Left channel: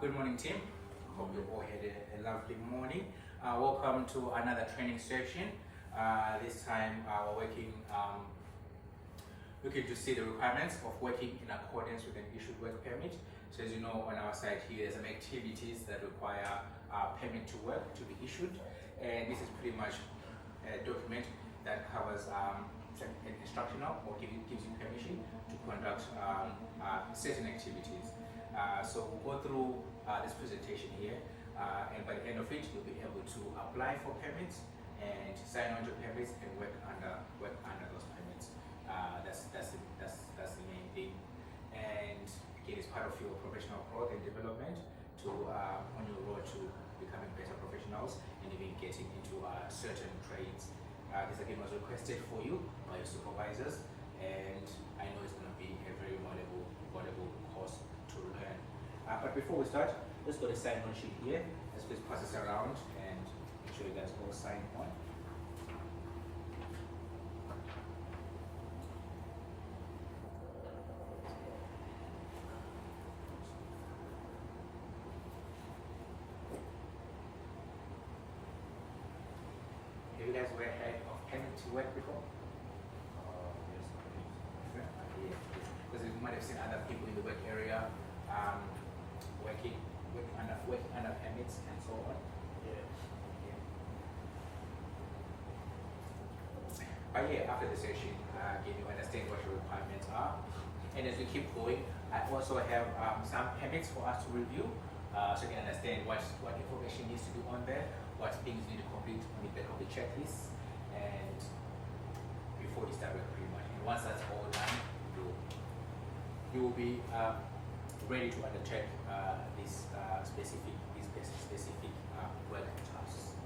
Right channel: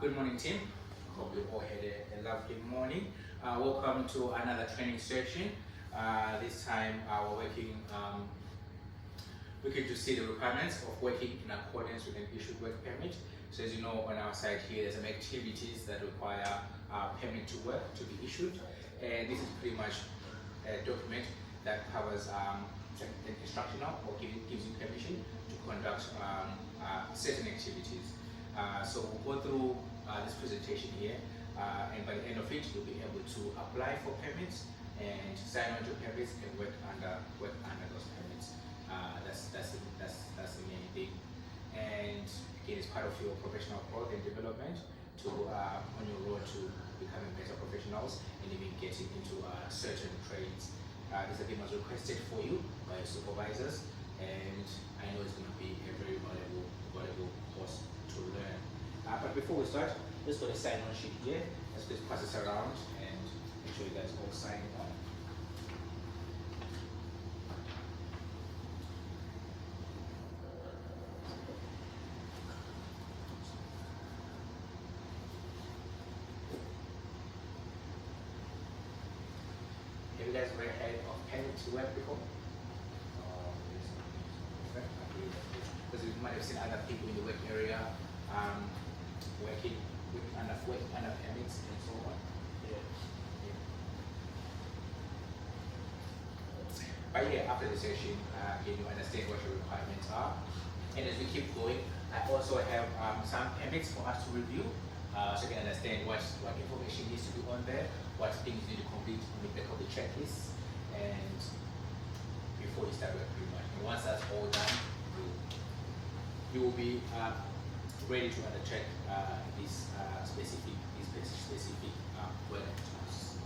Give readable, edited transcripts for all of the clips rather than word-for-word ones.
Good morning, team. Hope you all had a lovely morning. Welcome to another training session. This time we're looking to see the requirements of working in accordance with an issued work permit. So as you know, on our side here, there's some activities that require a permit to work to be issued. And this is pretty much a document that covers an instructional or gives you permission to conduct certain activities. So we'll go through this presentation here, and by the end of it, you'll be able to apply for permits and sign on to permits and work under those permits. That's the main thing. And again, it's part of your professional growth and development to on your road to becoming better professionals and even getting into certain trades. This again was requested for you by your supervisors, and I know it's going to be a very valuable course to learn. But before we start, let's go to the sign on sheet here. Let's just pass this around and make sure you guys all sign on. Have you guys ever heard of permit to work before? Because you might have seen other people in the work area working under permits and so on. Yeah. But yeah, after the session, again, you understand what your requirements are. And as we keep going, I also have some permits for us to review, so you can understand what information needs to be on there, what things you need to complete in the back of the checklist, and before you start work pretty much. And once that's all done, you will be ready to undertake these specific work tasks.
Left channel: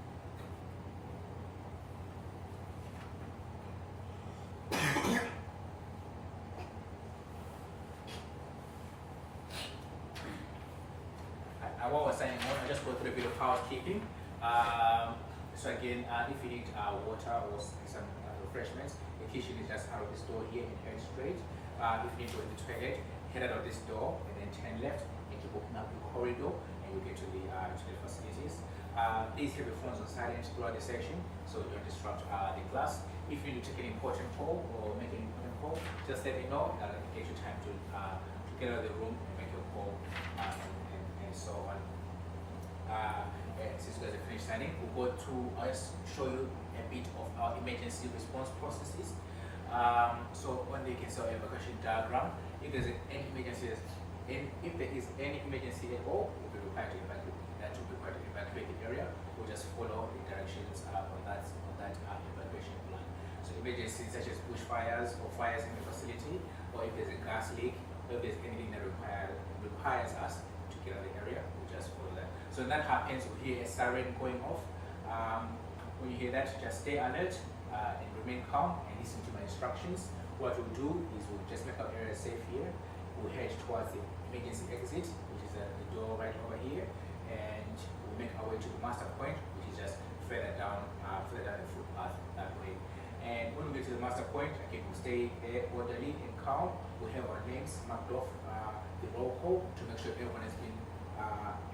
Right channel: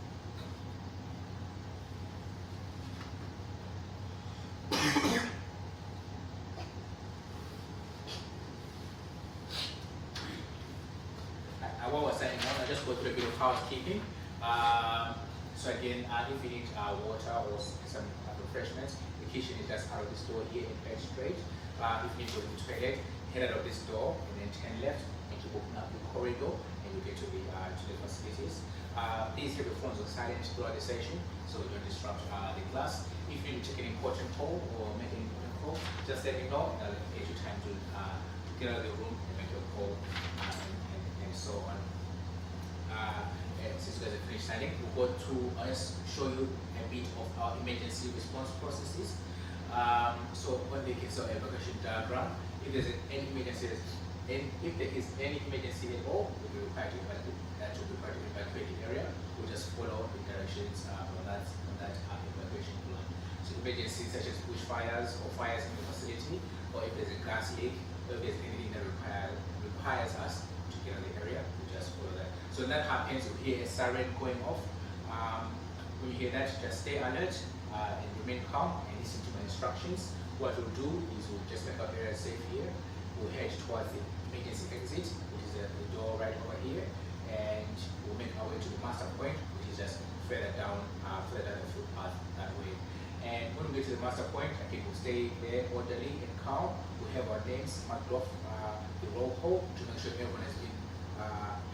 While we're signing on, I'll just go through a bit of housekeeping. So again, if you need water or some refreshments, the kitchen is just out of this door here in Head Straight. If you need to go to the toilet, head out of this door and then turn left and keep opening up the corridor and you'll get to the facilities. Please have your phones on silent throughout the session so we don't disrupt the class. If you need to take an important call or make an important call, just let me know and I'll get you time to get out of the room and make your call and so on. And since you guys are finished signing, we'll go to, I'll just show you a bit of our emergency response processes. So on the cancel evacuation diagram, if there is any emergency at all, we'll be required to evacuate the area. We'll just follow the directions on that evacuation plan. So emergencies such as bushfires or fires in the facility, or if there's a gas leak, or if there's anything that requires us to get out of the area, we just follow that. So when that happens, you'll hear a siren going off. When you hear that, just stay alert and remain calm and listen to my instructions. What we'll do is we'll just make our area safe here. We'll head towards the emergency exit, which is the door right over here, and we'll make our way to the master point, which is just further down the footpath that way. And when we get to the master point, again, we'll stay there orderly and calm. We'll have our names marked off the roll call to make sure everyone has been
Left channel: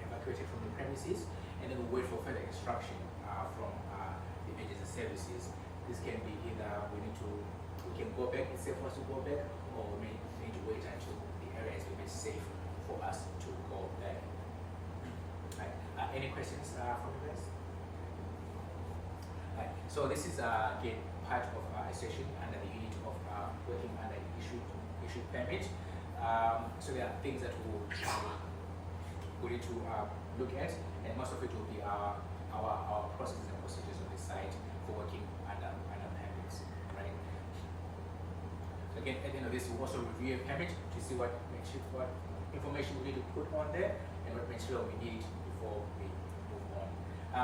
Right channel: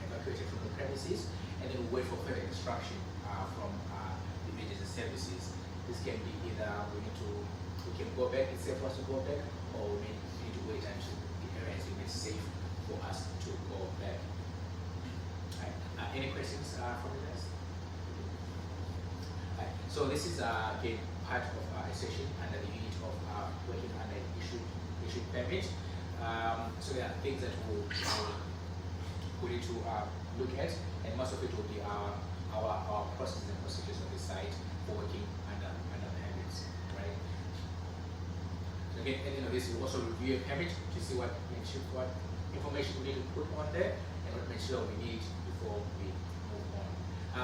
evacuated from the premises, and then we'll wait for further instruction from the emergency services. This can be either we can go back, it's safe for us to go back, or we need to wait until the area is made safe for us to go back. Right. Any questions from you guys? Right. So this is again part of a session under the unit of working under an issued permit. So there are things that we need to look at, and most of it will be our processes and procedures on this site for working under permits, right? So again, at the end of this, we'll also review a permit to see what information we need to put on there and what material we need before we move on.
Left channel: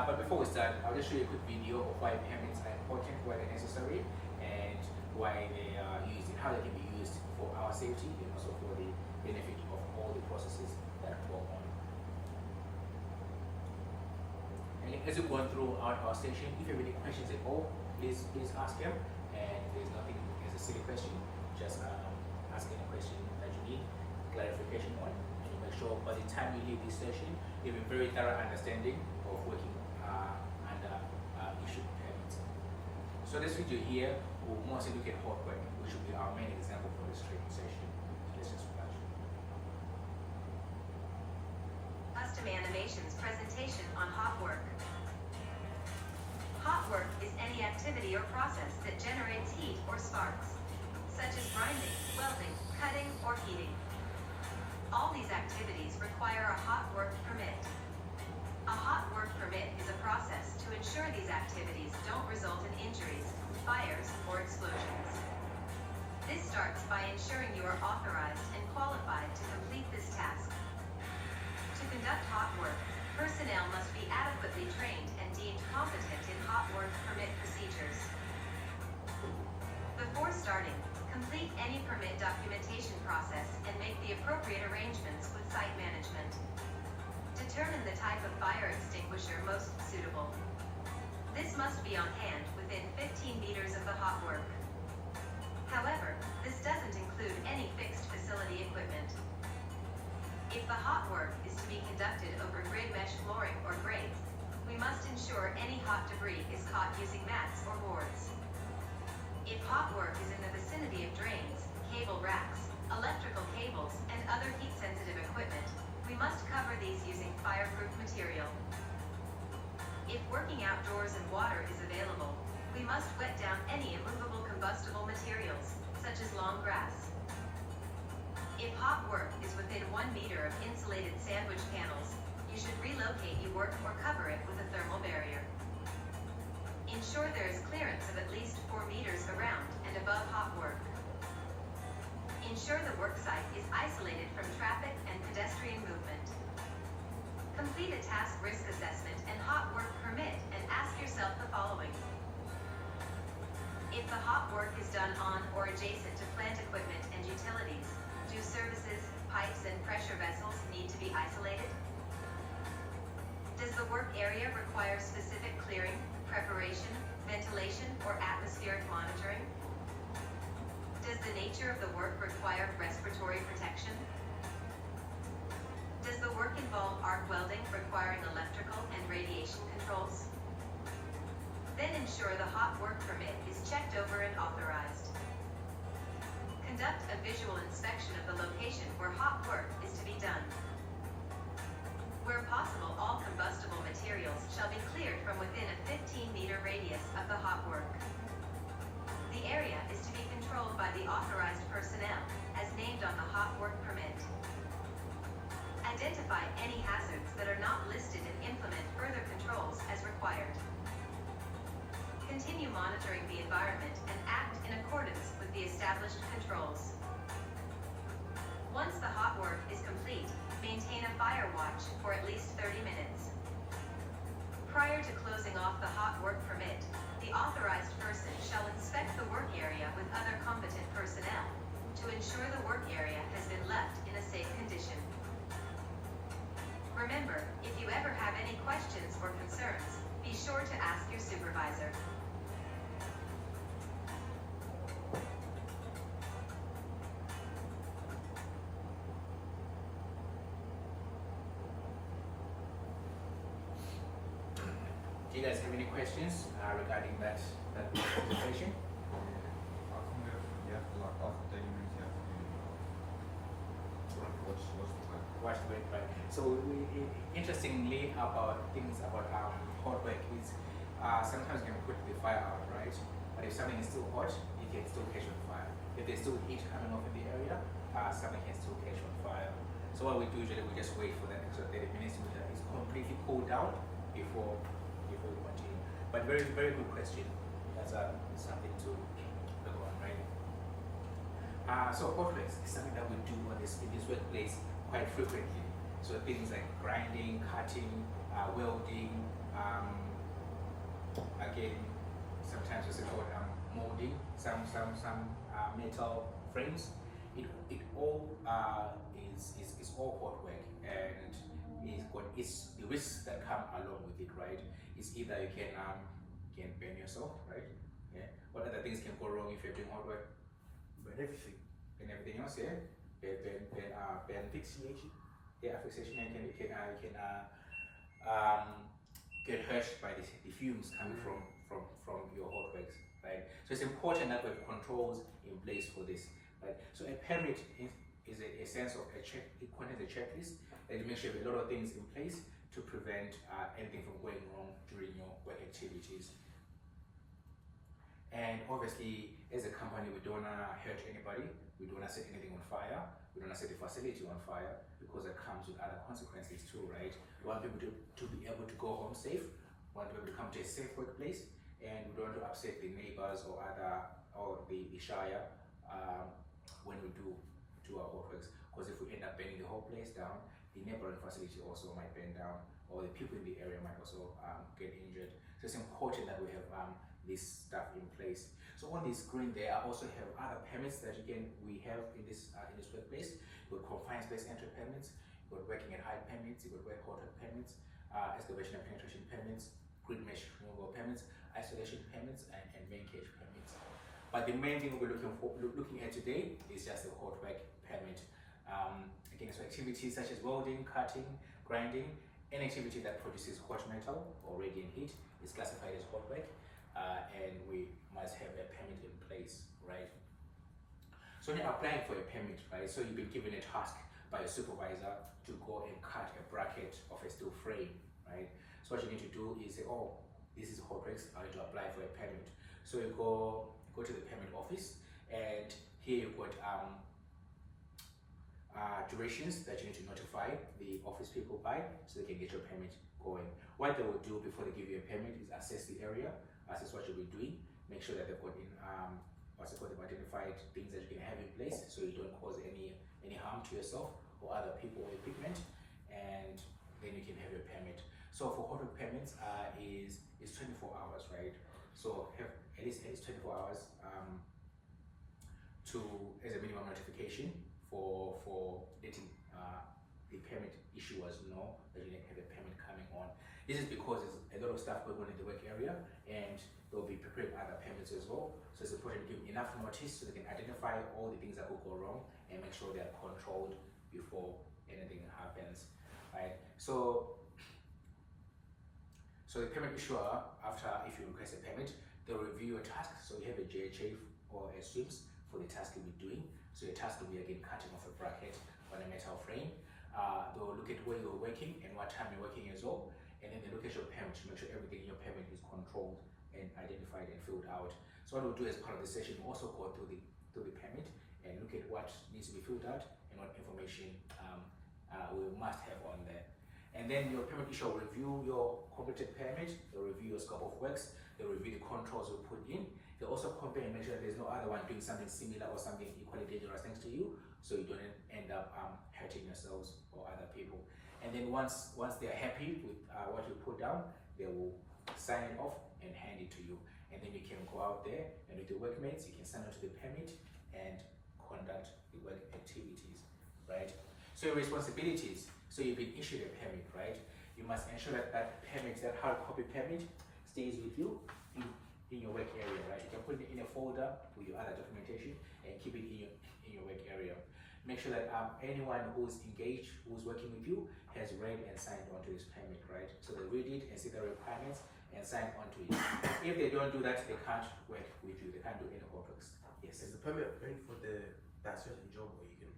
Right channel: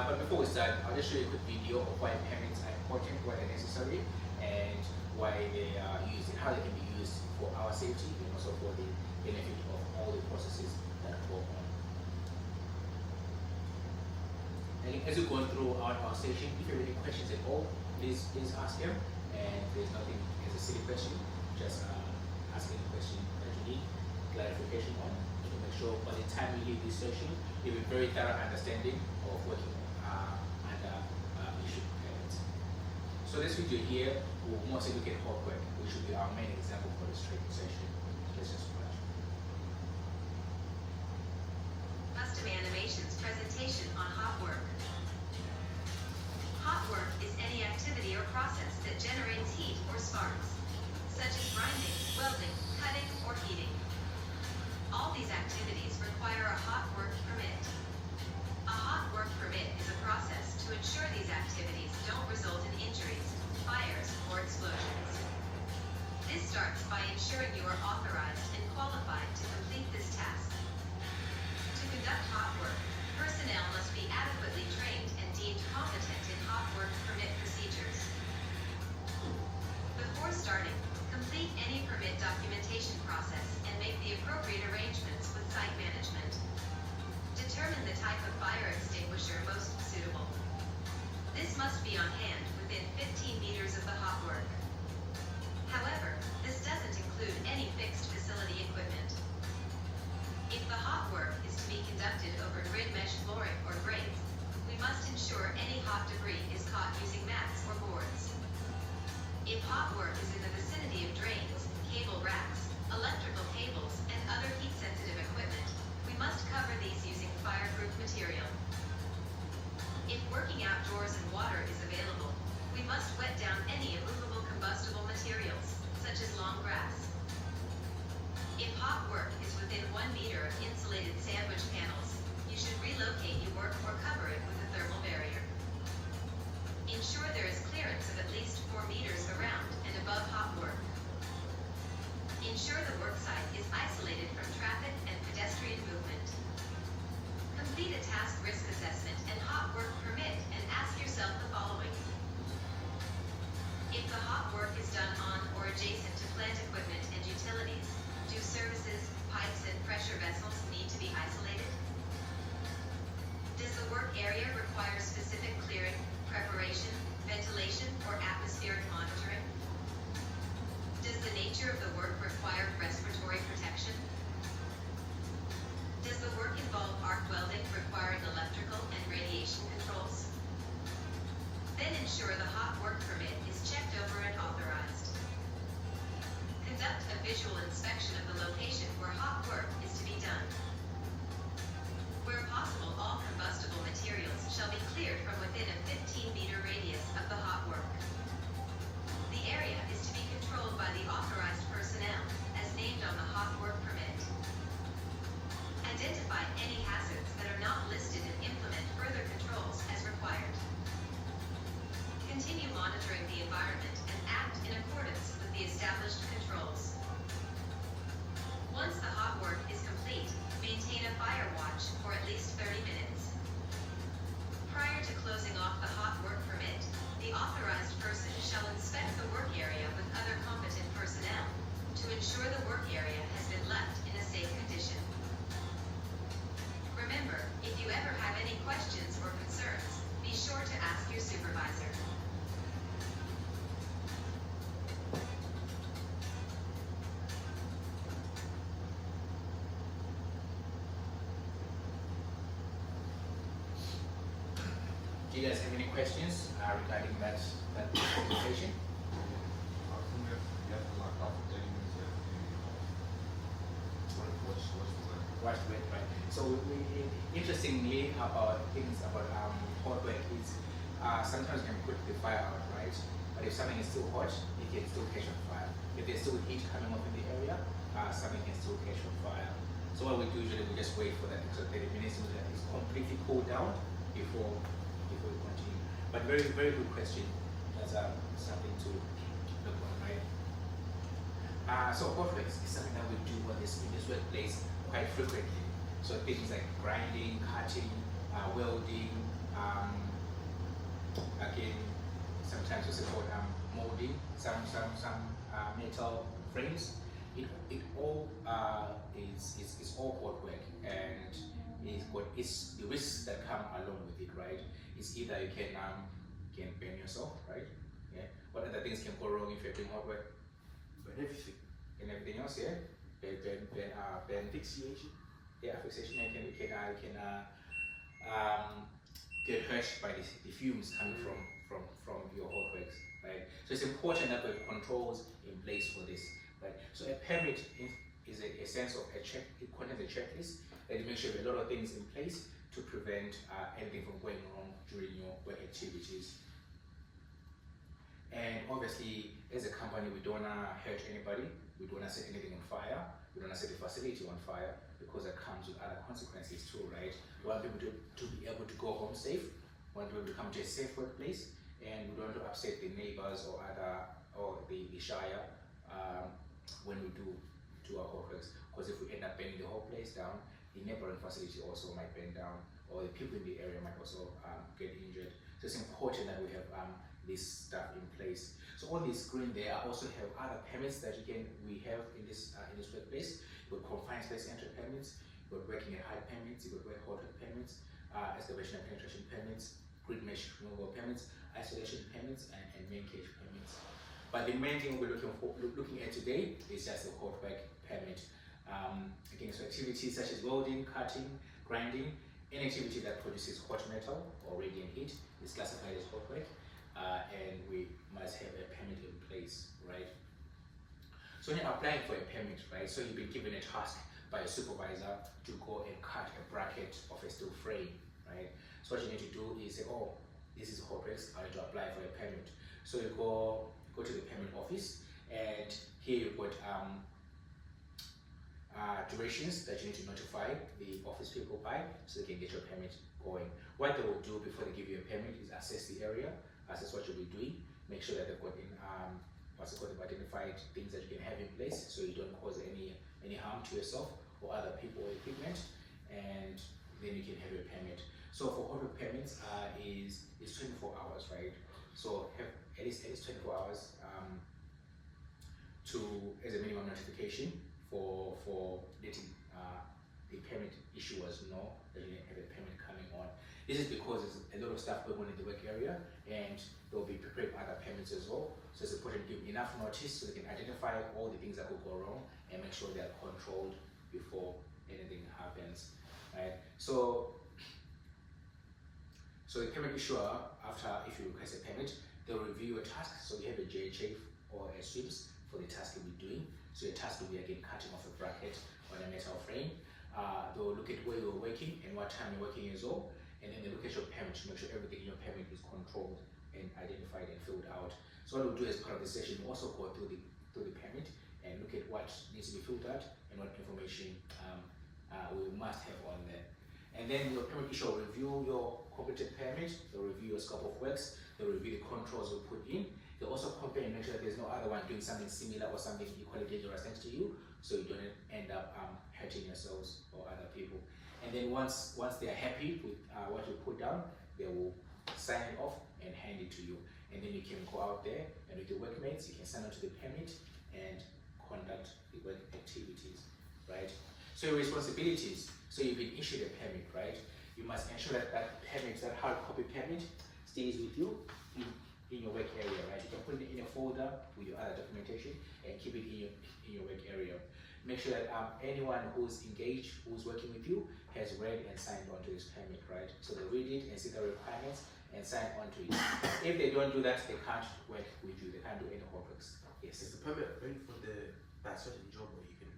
But before we start, I'll just show you a quick video of why permits are important, why they're necessary, and why they are used and how they can be used for our safety and also for the benefit of all the processes that go on. And as we've gone through our session, if you have any questions at all, please ask them. And there's nothing as a silly question, just ask any question that you need clarification on. ensure by the time you leave this session, you have a very thorough understanding of working under issue permits. So this video here will mostly look at hot work, which will be our main example for this training session. Let's just watch. Custom Animations presentation on hot work. Hot work is any activity or process that generates heat or sparks, such as grinding, welding, cutting, or heating. All these activities require a hot work permit. A hot work permit is a process to ensure these activities don't result in injuries, fires, or explosions. This starts by ensuring you are authorized and qualified to complete this task. To conduct hot work, personnel must be adequately trained and deemed competent in hot work permit procedures. Before starting, complete any permit documentation process and make the appropriate arrangements with site management. Determine the type of fire extinguisher most suitable. This must be on hand within 15 meters of the hot work. However, this doesn't include any fixed facility equipment. If the hot work is to be conducted over grid mesh flooring or grates, we must ensure any hot debris is caught using mats or boards. If hot work is in the vicinity of drains, cable racks, electrical cables, and other heat-sensitive equipment, we must cover these using fireproof material. If working outdoors and water is available, we must wet down any immovable combustible materials, such as long grass. If hot work is within 1 meter of insulated sandwich panels, you should relocate your work or cover it with a thermal barrier. Ensure there is clearance of at least 4 meters around and above hot work. Ensure the work site is isolated from traffic and pedestrian movement. Complete a task risk assessment and hot work permit and ask yourself the following. If the hot work is done on or adjacent to plant equipment and utilities, do services, pipes, and pressure vessels need to be isolated? Does the work area require specific clearing, preparation, ventilation, or atmospheric monitoring? Does the nature of the work require respiratory protection? Does the work involve arc welding requiring electrical and radiation controls? Then ensure the hot work permit is checked over and authorized. Conduct a visual inspection of the location where hot work is to be done. Where possible, all combustible materials shall be cleared from within a 15-meter radius of the hot work. The area is to be controlled by the authorized personnel, as named on the hot work permit. Identify any hazards that are not listed and implement further controls as required. Continue monitoring the environment and act in accordance with the established controls. Once the hot work is complete, maintain a fire watch for at least 30 minutes. Prior to closing off the hot work permit, the authorized person shall inspect the work area with other competent personnel to ensure the work area has been left in a safe condition. Remember, if you ever have any questions or concerns, be sure to ask your supervisor. Do you guys have any questions regarding that presentation? I think you have to like after 30 minutes you have to watch the time. Watch the work, right? So interestingly about things about hot work is sometimes you can put the fire out, right? But if something is still hot, it can still catch on fire. If there's still heat coming off in the area, something can still catch on fire. So what we do usually, we just wait for that extra 30 minutes so that it's completely cooled down before we continue. But very, very good question. That's something to look on, right? So hot work is something that we do in this workplace quite frequently. So things like grinding, cutting, welding, again, sometimes we support molding some metal frames. It all is all hot work, and it's the risks that come along with it, right? It's either you can burn yourself, right? Yeah. What other things can go wrong if you're doing hot work? But everything. And everything else, yeah. Burn Asphyxiation. Yeah, asphyxiation, you can get hurt by the fumes coming from your hot works, right? So it's important that we have controls in place for this, right? So a permit is a sense of a check, it contains a checklist that you make sure you have a lot of things in place to prevent anything from going wrong during your work activities. And obviously, as a company, we don't wanna hurt anybody. We don't wanna set anything on fire. We don't wanna set the facility on fire because it comes with other consequences too, right? We want people to be able to go home safe. We want people to come to a safe workplace, and we don't want to upset the neighbors or the shire when we do our hot works. Because if we end up burning the whole place down, the neighboring facility also might burn down, or the people in the area might also get injured. So it's important that we have this stuff in place. So on the screen there, I also have other permits that we have in this workplace. You've got confined space entry permits, you've got working at height permits, you've got work hot work permits, excavation and penetration permits, grid mesh removal permits, isolation permits, and main cage permits. But the main thing we're looking at today is just the hot work permit. Again, so activities such as welding, cutting, grinding, any activity that produces hot metal or radiant heat is classified as hot work, and we must have a permit in place, right? So when you're applying for a permit, right, so you've been given a task by a supervisor to go and cut a bracket of a steel frame, right? So what you need to do is say, oh, this is hot works, I need to apply for a permit. So you go to the permit office, and here you've got durations that you need to notify the office people by so they can get your permit going. What they will do before they give you a permit is assess the area, assess what you'll be doing, make sure that they've got they've identified things that you can have in place so you don't cause any harm to yourself or other people or equipment, and then you can have your permit. So for hot work permits is 24 hours, right? So have at least 24 hours as a minimum notification for letting the permit issuers know that you have a permit coming on. This is because there's a lot of stuff going on in the work area, and they'll be preparing other permits as well. So it's important to give enough notice so they can identify all the things that could go wrong and make sure they are controlled before anything happens, right? So the permit issuer, if you request a permit, they'll review your task. So you have a JHA or a SWIPS for the task you'll be doing. So your task will be again cutting off a bracket on a metal frame. They'll look at where you're working and what time you're working as well. And then they look at your permit to make sure everything in your permit is controlled and identified and filled out. So what we'll do as part of the session, we'll also go through the permit and look at what needs to be filled out and what information we must have on there. And then your permit issuer will review your completed permit, they'll review your scope of works, they'll review the controls you put in. They'll also compare and make sure that there's no other one doing something similar or something equally dangerous next to you, so you don't end up hurting yourselves or other people. And then once they're happy with what you put down, they will sign it off and hand it to you. And then you can go out there and with your workmates, you can sign on to the permit and conduct the work activities, right? So your responsibilities. So you've been issued a permit, right? You must ensure that permit, that hard copy permit, stays with you in your work area, right? You can put it in a folder with your other documentation and keep it in your work area. Make sure that anyone who's engaged, who's working with you, has read and signed onto this permit, right? So they read it and see the requirements and sign onto it. If they don't do that, they can't work with you. They can't do any hot works. Yes. Is the permit only for that certain job, or you can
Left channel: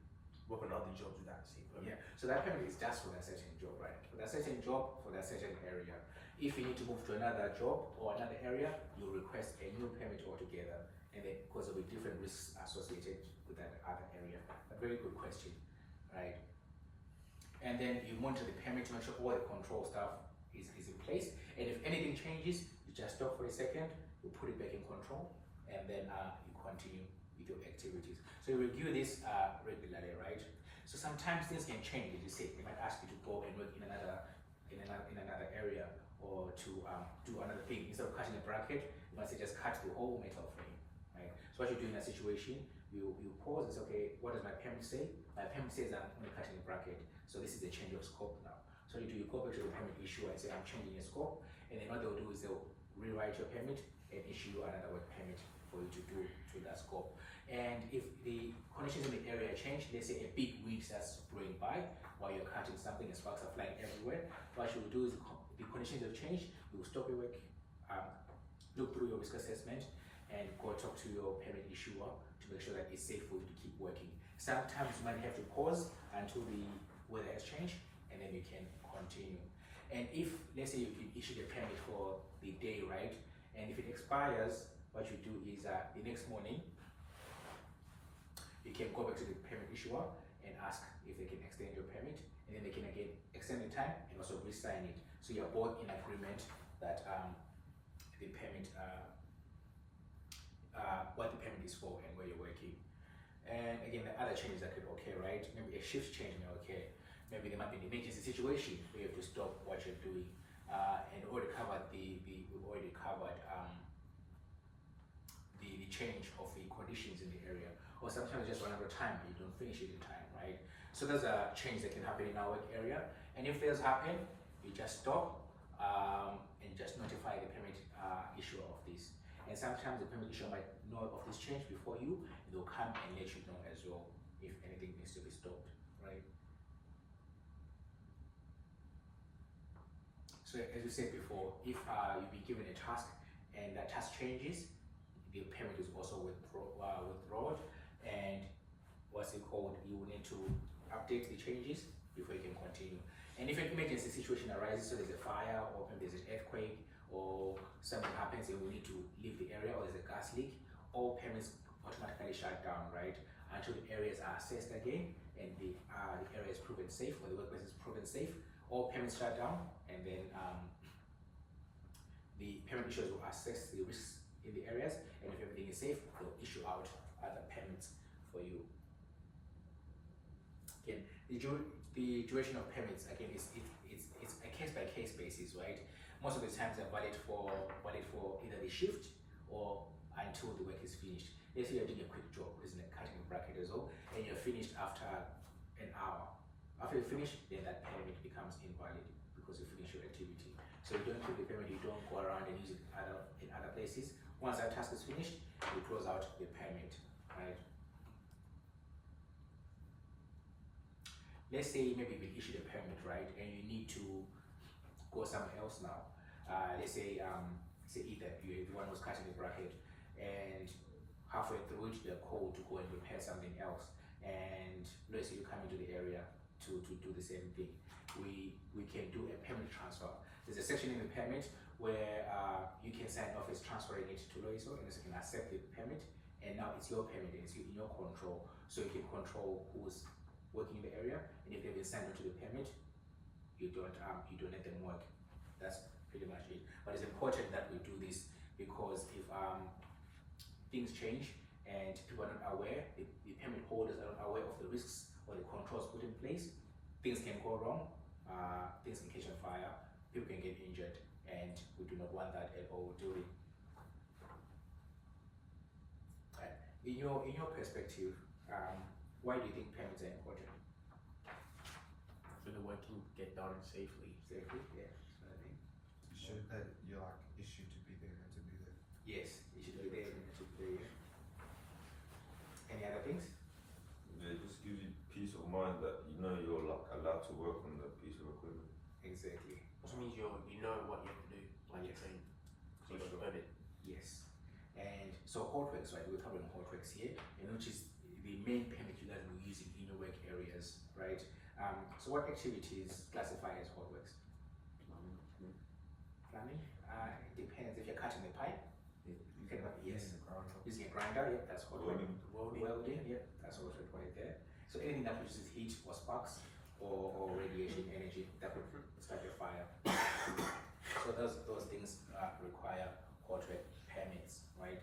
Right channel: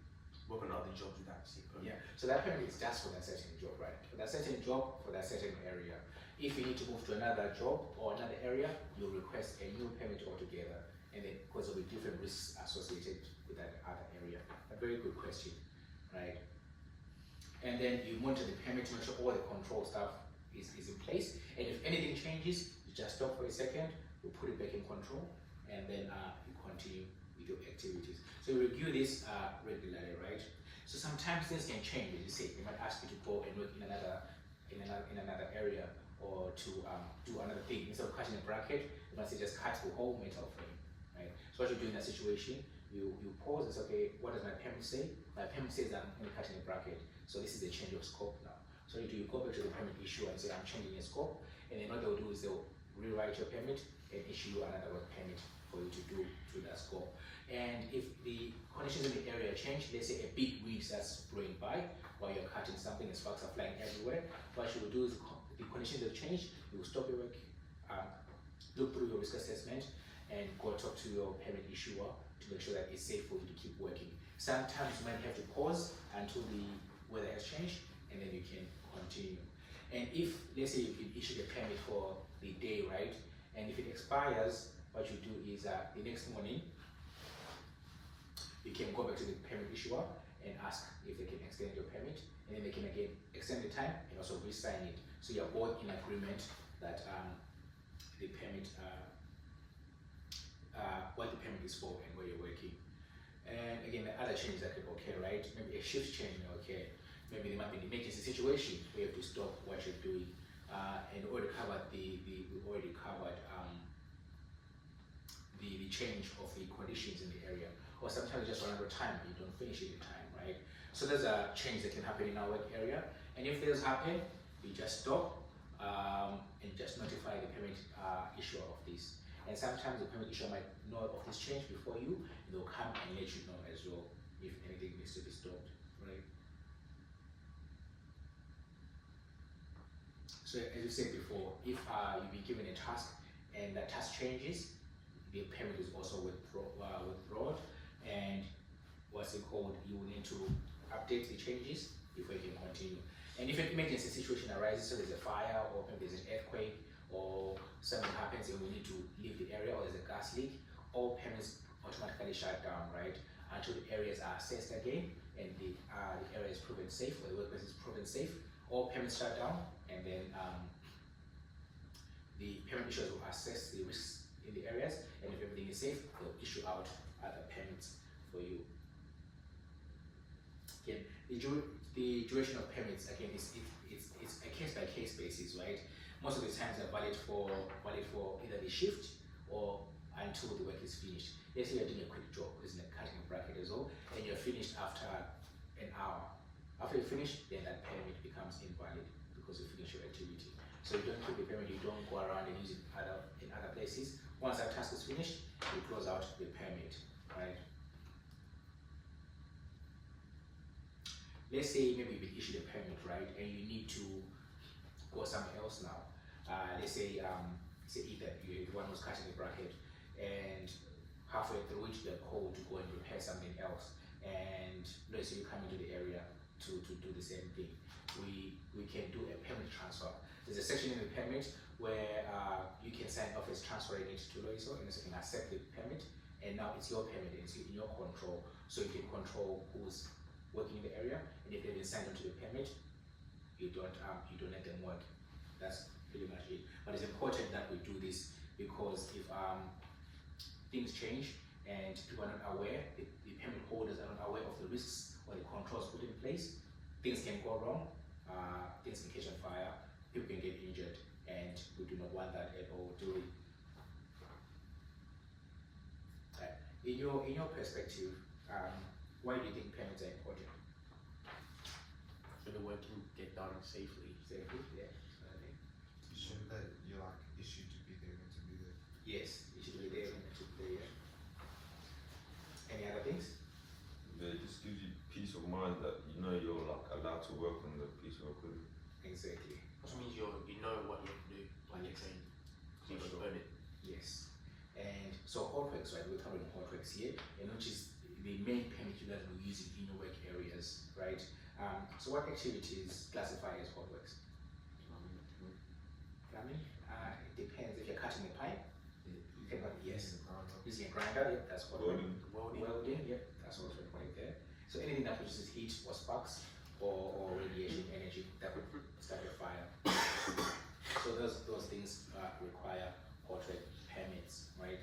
work on other jobs with that same permit? Yeah. So that permit is just for that certain job, right? For that certain job, for that certain area. If you need to move to another job or another area, you'll request a new permit altogether. And then, because there'll be different risks associated with that other area. A very good question, right? And then you monitor the permit to make sure all the control stuff is in place. And if anything changes, you just stop for a second, you put it back in control, and then you continue with your activities. So you review this regularly, right? So sometimes things can change, as you say. They might ask you to go and work in another area, or to do another thing. Instead of cutting a bracket, you might say just cut the whole metal frame, right? So what you do in that situation, you pause and say, okay, what does my permit say? My permit says I'm only cutting a bracket, so this is the change of scope now. So you go back to the permit issuer and say I'm changing the scope, and then what they'll do is they'll rewrite your permit and issue you another work permit. for you to do to that scope. And if the conditions in the area change, let's say a big wind starts blowing by while you're cutting something and sparks are flying everywhere, what you will do is the conditions will change, you will stop your work, look through your risk assessment and go talk to your permit issuer to make sure that it's safe for you to keep working. Sometimes you might have to pause until the weather has changed and then you can continue. And if, let's say, you can issue the permit for the day, right? And if it expires, what you do is the next morning, you can go back to the permit issuer and ask if they can extend your permit, and then they can again extend the time and also re-sign it. So you're both in agreement that the permit, what the permit is for and where you're working. And again, the other changes that could occur, right? Maybe a shift change may occur. Maybe there might be an emergency situation where you have to stop what you're doing. And already covered we already covered the change of the conditions in the area. Or sometimes you just run out of time, you don't finish it in time, right? So there's a change that can happen in our work area. And if those happen, you just stop and just notify the permit issuer of this. And sometimes the permit issuer might know of this change before you, and they'll come and let you know as well if anything needs to be stopped, right? So as you said before, if you've been given a task and that task changes, the permit is also withdrawn, and what's it called, you will need to update the changes before you can continue. And if an emergency situation arises, so there's a fire or maybe there's an earthquake or something happens and we need to leave the area, or there's a gas leak, all permits automatically shut down, right? Until the areas are assessed again and the area is proven safe, or the workplace is proven safe, all permits shut down, and then the permit issuers will assess the risks in the areas, and if everything is safe, they'll issue out other permits for you. Again, the duration of permits, again, it's a case-by-case basis, right? Most of the times they're valid for either the shift or until the work is finished. Let's say you're doing a quick job, isn't it, cutting a bracket as well, and you're finished after an hour. After you finish, then that permit becomes invalid because you finish your activity. So you don't keep the permit, you don't go around and use it in other places. Once that task is finished, you close out the permit, right? Let's say maybe you've been issued a permit, right, and you need to go somewhere else now. Let's say either you're the one who's cutting the bracket, and halfway through it, you're called to go and repair something else. And let's say you come into the area to do the same thing. We can do a permit transfer. There's a section in the permit where you can sign off as transferring it to Loiso, and so you can accept the permit, and now it's your permit and it's in your control. So you can control who's working in the area, and if they've been signed onto the permit, you don't let them work. That's pretty much it. But it's important that we do this because if things change and people are not aware, the permit holders are not aware of the risks or the controls put in place, things can go wrong, things can catch on fire, people can get injured, and we do not want that at all, do we? In your perspective, why do you think permits are important? So the work can get done safely. Safely, yeah. You should that you're like issued to be there and to be there. Yes, you should be there and you should be there. Any other things? It just gives you peace of mind that you know you're like allowed to work on the piece of equipment. Exactly. Which means you know what you have to do when you're trained. So you For sure. learn it. Yes. And so hotworks, right? We're covering hotworks here, and which is the main permit you guys will be using in your work areas, right? So what activities classify as hotworks? Plumbing? It depends. If you're cutting the pipe, you cannot, yes. Using a grinder, yeah, that's hotwork. Welding, yeah, that's also right there. So anything that produces heat or sparks or radiation energy that would start a fire. So those things require hotwork permits, right?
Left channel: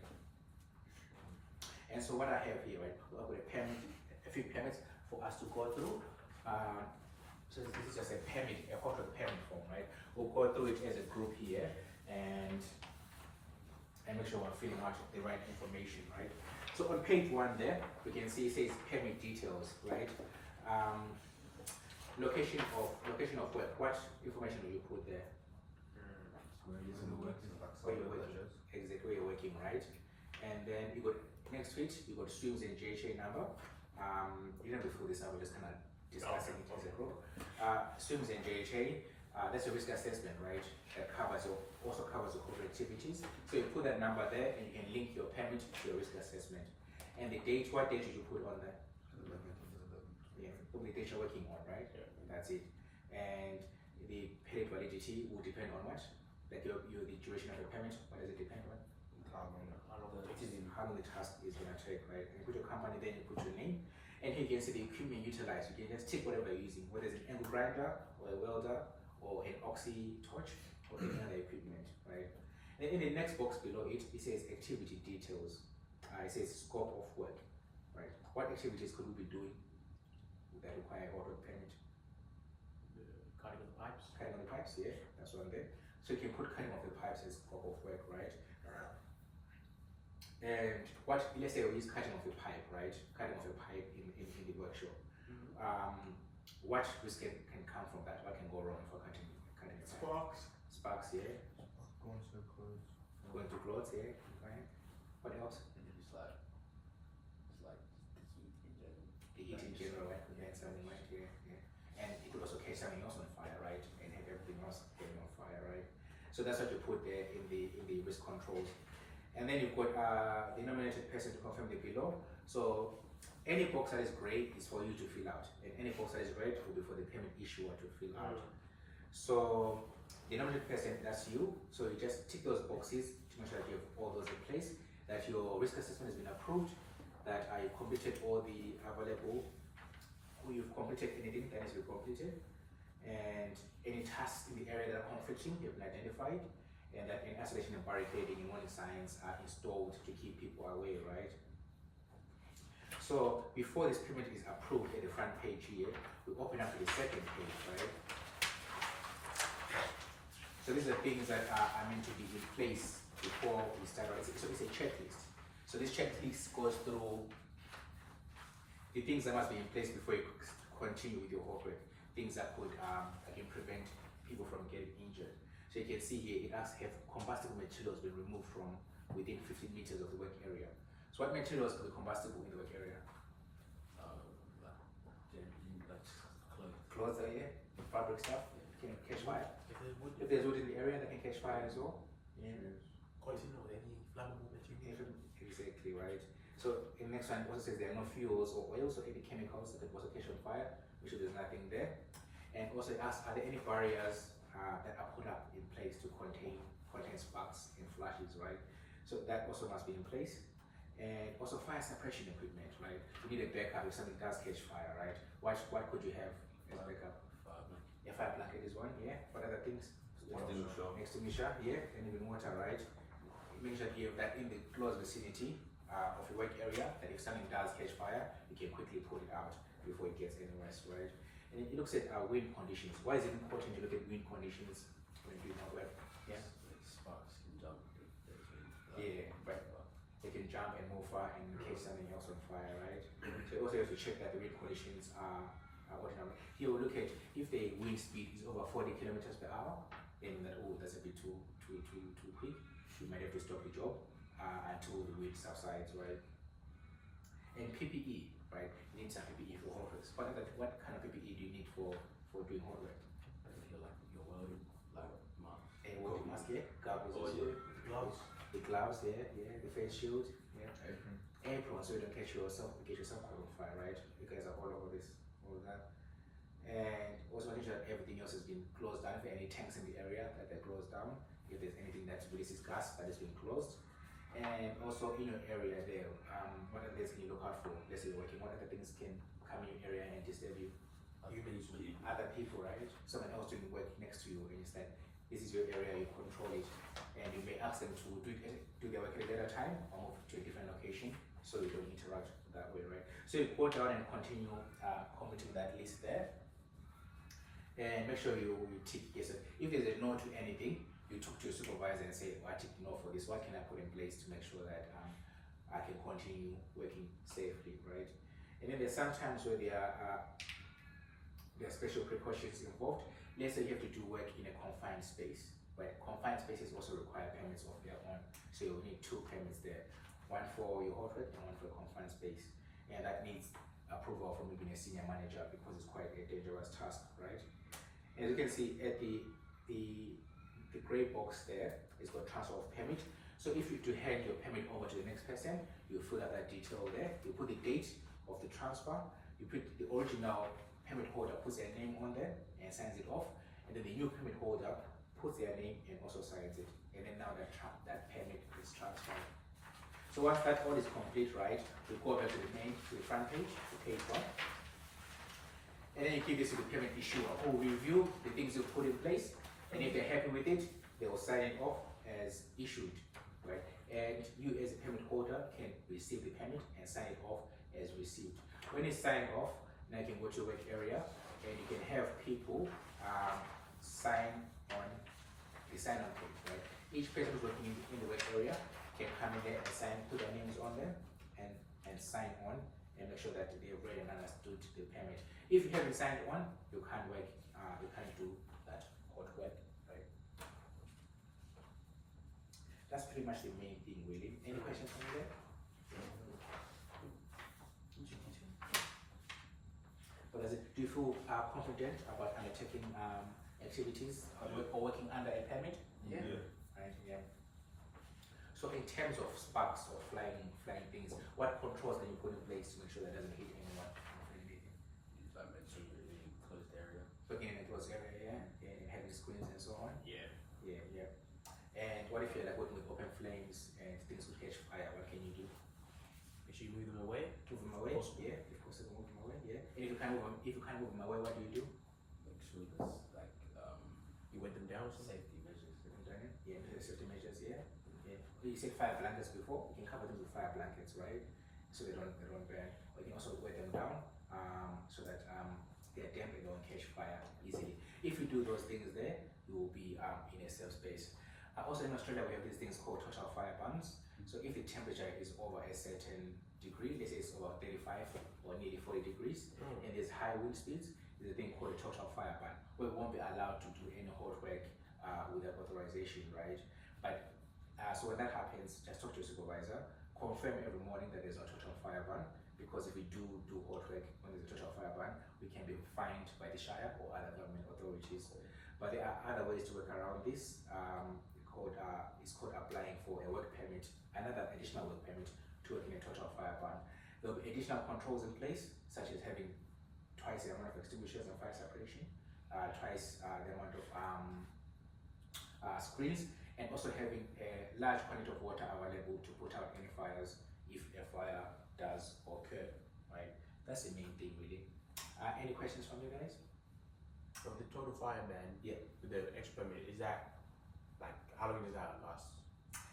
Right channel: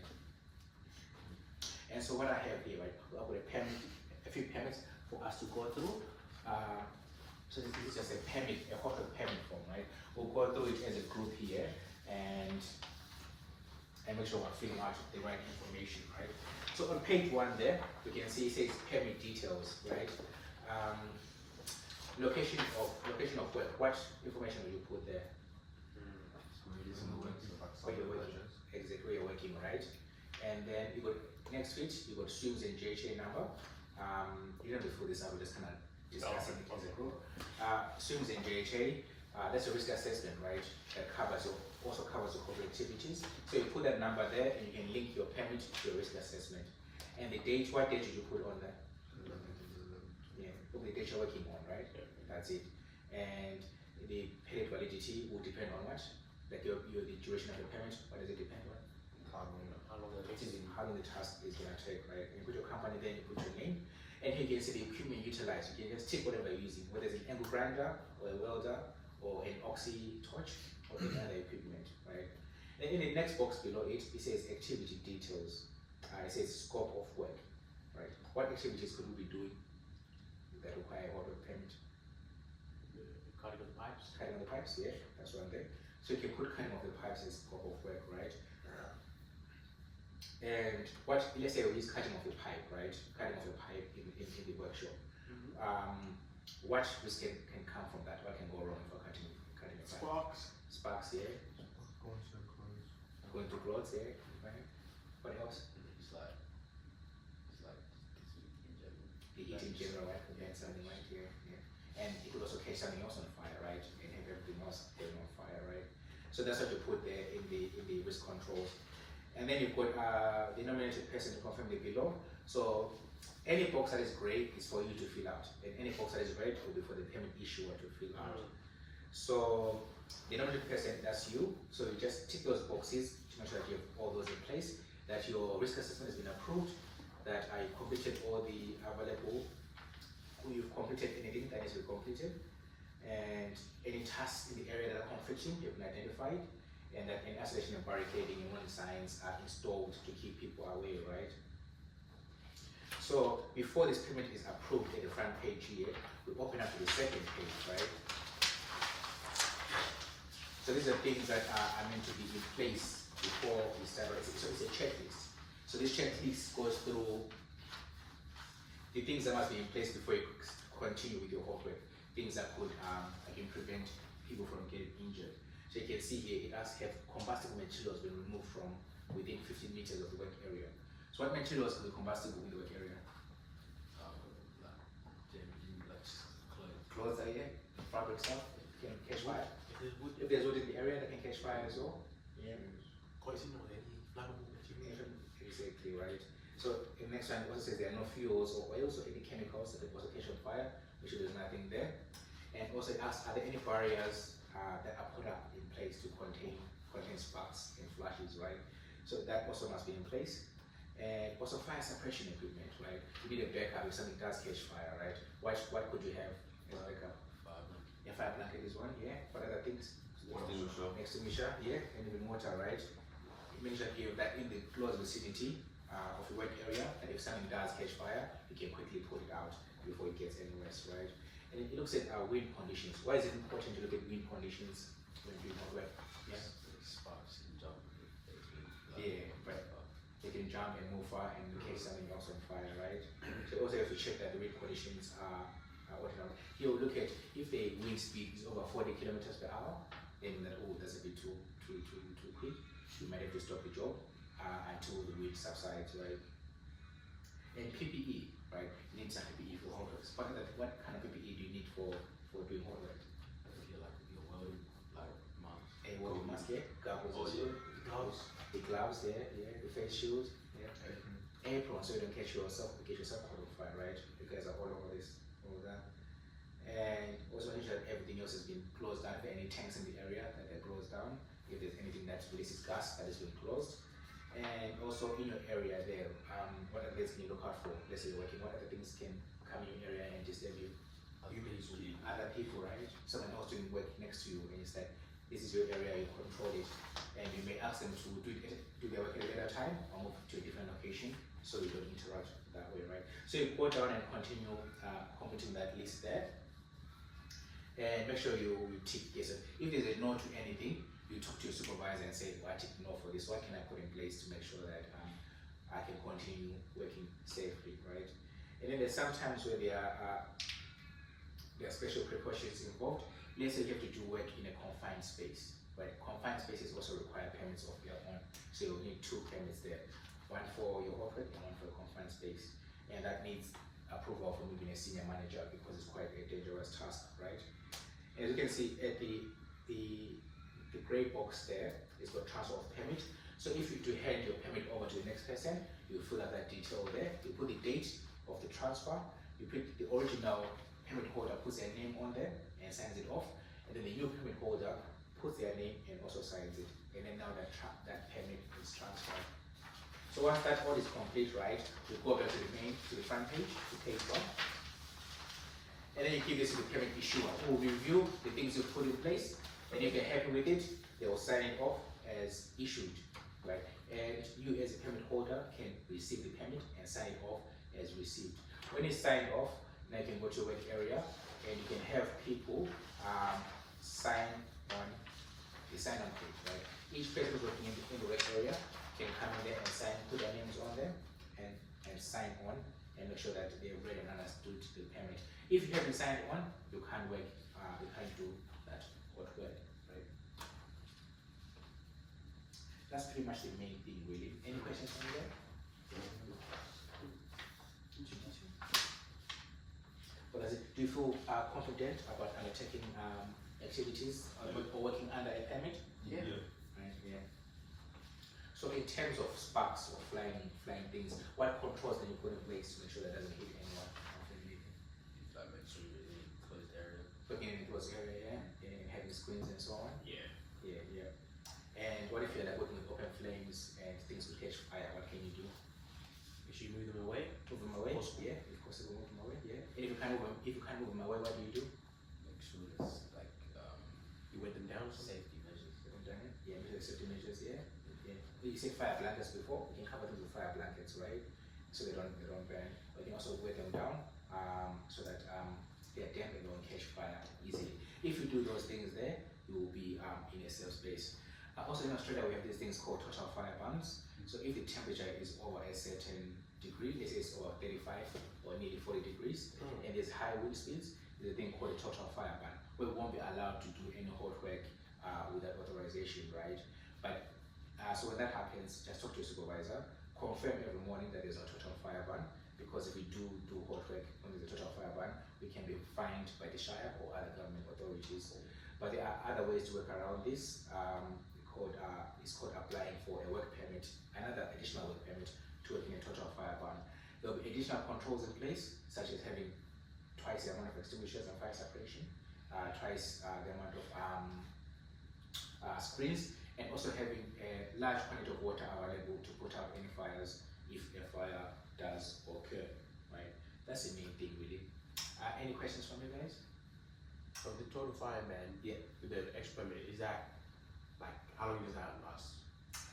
And so what I have here, right, I've got a few permits for us to go through. So this is just a hotwork permit form, right? We'll go through it as a group here and make sure we're filling out the right information, right? So on page 1 there, we can see it says permit details, right? Location of work. What information will you put there? Where you're working, exactly where you're working, right? and then you got next to it, you got SWIMS and JHA number. Even before this, I was just kind of discussing it as a group. SWIMS and JHA, that's a risk assessment, right? That also covers your corporate activities. So you put that number there, and you can link your permit to your risk assessment. And the date, what date did you put on that? Yeah, put the date you're working on, right? That's it. And the period validity will depend on what? Like the duration of the permit, what does it depend on? How long it It is is. how long the task is going to take, right? You put your company, then you put your name, and here you can see the equipment utilized. You can just tick whatever you're using, whether it's an angle grinder or a welder or an oxy torch or any other equipment, right? And in the next box below it, it says activity details. It says scope of work, right? What activities could we be doing that require a hot work permit? Cutting the pipes. Cutting of the pipes, yeah, that's one thing. So you can put cutting of the pipes as scope of work, right? And what, let's say we use cutting of the pipe, right? Cutting of the pipe in the workshop. What risk can come from that? What can go wrong if we're cutting the pipe? Sparks, yeah. Going to clothes, yeah. Right. What else? The heat in general, right? Could make something right here, yeah. And it could also catch something else on fire, right? And have everything else going on fire, right? So that's what you put there in the risk controls. And then you've got the nominated person to confirm the below. So any box that is grey is for you to fill out, and any box that is red will be for the permit issuer to fill out. So the nominated person, that's you. So you just tick those boxes to make sure that you have all those in place, that your risk assessment has been approved, that I completed all the available, you've completed anything that needs to be completed, and any tasks in the area that are conflicting, you've been identified, and that any isolation and barricading and warning signs are installed to keep people away, right? So before this permit is approved at the front page here, we open up to the second page, right? So these are things that are meant to be in place before we start. So it's a checklist. So this checklist goes through the things that must be in place before you continue with your hot work. Things that could again prevent people from getting injured. So you can see here it asks, have combustible materials been removed from within 15 meters of the work area? So what materials could be combustible in the work area? Clothes are here, fabric stuff can catch fire. If there's wood in the area, that can catch fire as well. Yeah. Poison or any flammable material. Exactly, right. So the next one also says there are no fuels or oils or any chemicals that also catch on fire. Make sure there's nothing there. And also it asks, are there any barriers that are put up in place to contain sparks and flashes, right? So that also must be in place. And also fire suppression equipment, right? You need a backup if something does catch fire, right? What could you have as backup? A fire blanket is one, yeah. What other things? Extinguisher, yeah, and even water, right? Make sure you have that in the close vicinity of your work area, that if something does catch fire, you can quickly put it out before it gets any worse, right? And it looks at wind conditions. Why is it important to look at wind conditions when doing hot work? Yeah. Sparks can jump. Yeah, right. They can jump and move far and catch something else on fire, right? So also you have to check that the wind conditions are ordinary. Here we'll look at if the wind speed is over 40 kilometers per hour, then that that's a bit too quick. You might have to stop the job until the wind subsides, right? And PPE, right? You need some PPE for hot works. What kind of PPE do you need for doing hot work? A water mask, yeah. Goggles, also. The gloves, yeah. The face shield, yeah. Apron, so you don't get yourself caught on fire, right? You guys are all over this, all of that. And also make sure that everything else has been closed down. If there are any tanks in the area that are closed down, if there's anything that releases gas that has been closed. And also in your area there, what other things can you look out for? Let's say you're working, what other things can come in your area and disturb you? Other people, right? Someone else doing work next to you, and it's like, this is your area, you control it. And you may ask them to do their work at a later time or move to a different location so you don't interact that way, right? So you go down and continue completing that list there. And make sure you tick yes. If there's a no to anything, you talk to your supervisor and say, I tick no for this. What can I put in place to make sure that I can continue working safely, right? And then there's some times where there are special precautions involved. Let's say you have to do work in a confined space, but confined spaces also require permits of their own. So you'll need 2 permits there. one for your hot work and one for confined space. And that needs approval from even a senior manager because it's quite a dangerous task, right? As you can see at the grey box there, it's got transfer of permit. So if you do hand your permit over to the next person, you fill out that detail there, you put the date of the transfer, you put the original permit holder puts their name on there and signs it off, and then the new permit holder puts their name and also signs it, and then now that permit is transferred. So once that all is complete, right, you go back to the front page, to page 1, and then you give this to the permit issuer who will review the things you put in place, and if they're happy with it, they will sign it off as issued, right? And you as a permit holder can receive the permit and sign it off as received. When it's signed off, now you can go to your work area and you can have people sign on the sign-on page, right? Each person who's working in the work area can come in there and sign, put their names on them and sign on and make sure that they've read and understood the permit. If you haven't signed on, you can't work, you can't do that hot work, right? That's pretty much the main thing, really. Any questions from you there? What does it? Do you feel confident about undertaking activities or working under a permit? Yeah. Right. Yeah. So in terms of sparks or flying things, what controls can you put in place to make sure that doesn't hit anyone? That makes sure you're in a closed area. Putting in a closed area, and having screens and so on. Yeah. Yeah. And what if you're like working with open flames and things will catch fire? What can you do? If you move them away, Move them away? Possible. Yeah, if possible, move them away. Yeah. And if you can't move them away, what do you do? make sure there's like you wet them down. Safety measures. You haven't done it? Yeah, safety measures. Yeah. You said fire blankets before. You can cover them with fire blankets, right? So they don't burn. But you can also wet them down so that they're damp and don't catch fire easily. If you do those things there, you will be in a safe space. Also in Australia, we have these things called total fire bans. So if the temperature is over a certain degree, let's say it's over 35 or nearly 40 degrees, and there's high wind speeds, there's a thing called a total fire ban, where we won't be allowed to do any hot work without authorization, right? But so when that happens, just talk to your supervisor, confirm every morning that there's a total fire ban, because if we do hot work when there's a total fire ban, we can be fined by the Shire or other government authorities. But there are other ways to work around this. It's called applying for a work permit, another additional work permit to work in a total fire ban. There will be additional controls in place, such as having twice the amount of extinguishers and fire separation, twice the amount of screens, and also having a large quantity of water available to put out any fires if a fire does occur, right? That's the main thing, really. Any questions from you guys? From the total fire ban, Yeah. with the extra permit, is that like how long does that last?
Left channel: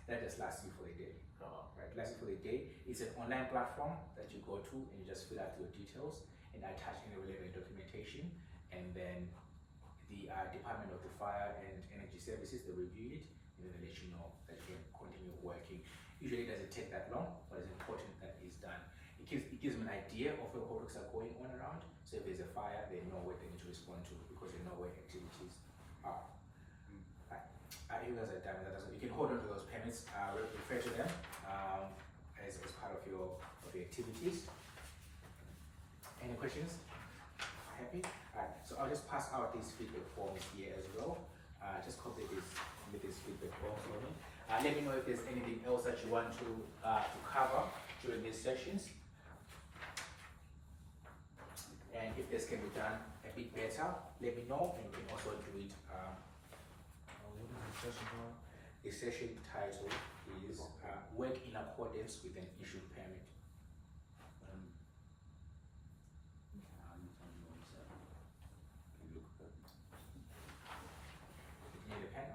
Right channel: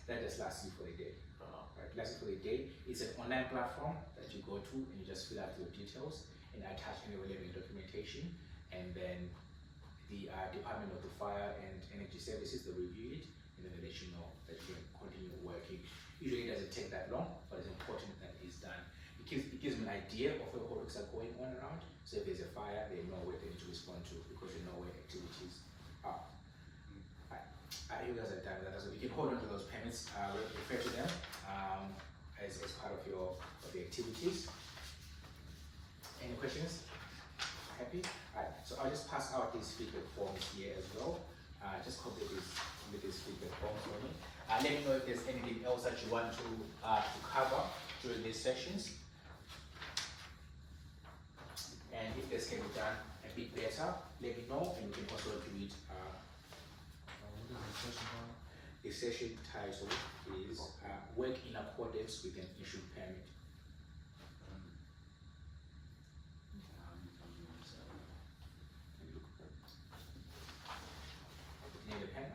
That just lasts you for the day. Uh, Right, lasts you for the day. It's an online platform that you go to and you just fill out your details and attach any relevant documentation, and then the Department of the Fire and Energy Services, they review it and then they let you know that you can continue working. Usually it doesn't take that long, but it's important that it's done. It gives them an idea of where hot works are going on around. So if there's a fire, they know where they need to respond to because they know where activities are. You guys are done with that. So you can hold on to those permits, refer to them as part of your activities. Any questions? Happy? Alright, so I'll just pass out these feedback forms here as well. Just complete this feedback form for me. Let me know if there's anything else that you want to cover during these sessions. And if this can be done a bit better, let me know, and we can also do it. The session title is Work in Accordance with an Issued Permit. You need a pen?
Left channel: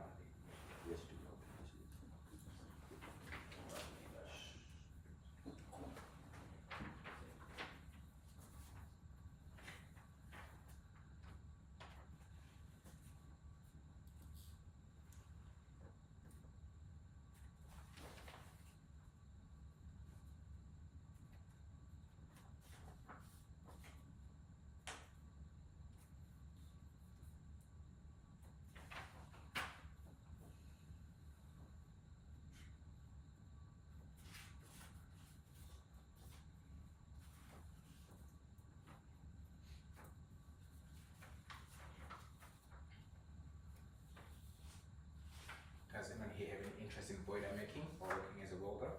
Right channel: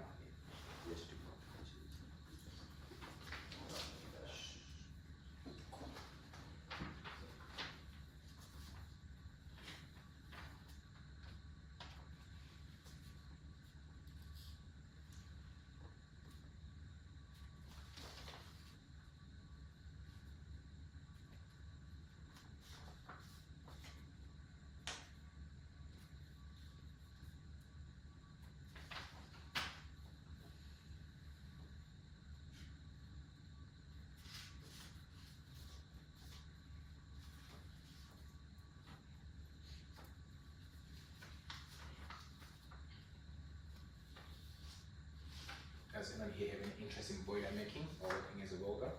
interest in boiler making or working as a welder?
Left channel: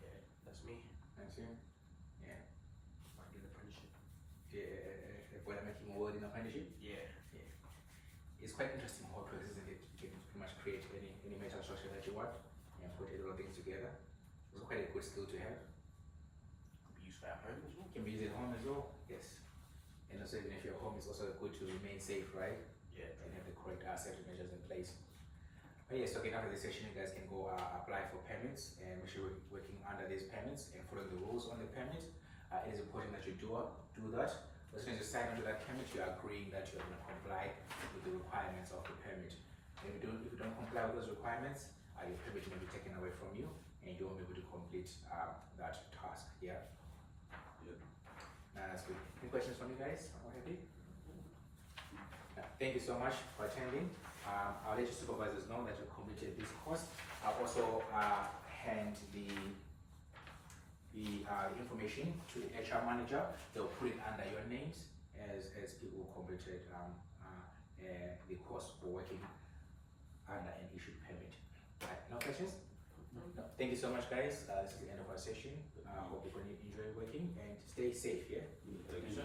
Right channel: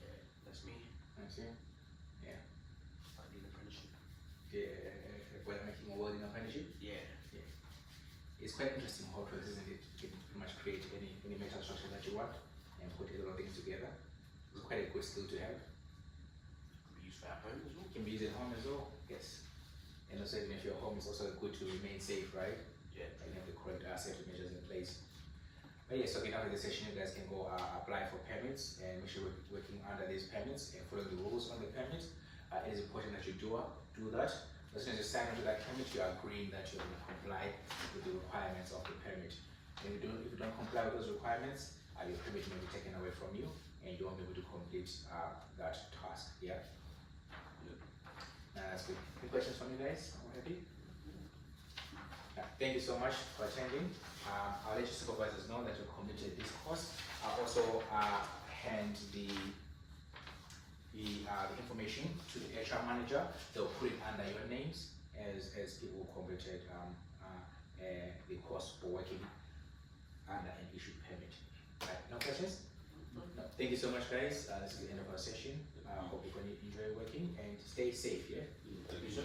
Yeah, that's me. That's you. Yeah. I did apprenticeship. Yeah, boiler making or welding apprenticeship. Yeah. It's quite interesting how it works, isn't it? You can pretty much create any metal structure that you want and put a lot of things together. It's quite a good skill to have. Could be used for at home as well. It can be used at home as well. Yes. And also even if your home is also good to remain safe, right? Yeah. And have the correct safety measures in place. But yes, okay, after this session, you guys can go apply for permits and make sure you're working under these permits and following the rules on the permit. It is important that you do that. As soon as you sign onto that permit, you are agreeing that you're going to comply with the requirements of the permit. And if you don't comply with those requirements, your permit may be taken away from you and you won't be able to complete that task. Yeah? That's good. Any questions from you guys already? Thank you so much for attending. I'll let your supervisors know that you completed this course. I'll also hand the information to the HR manager. They'll put it under your names as people who completed the course for working under an issued permit. Right, no questions? No. Thank you so much, guys. This is the end of our session. Hope you can enjoy working and stay safe. Yeah. Thank you.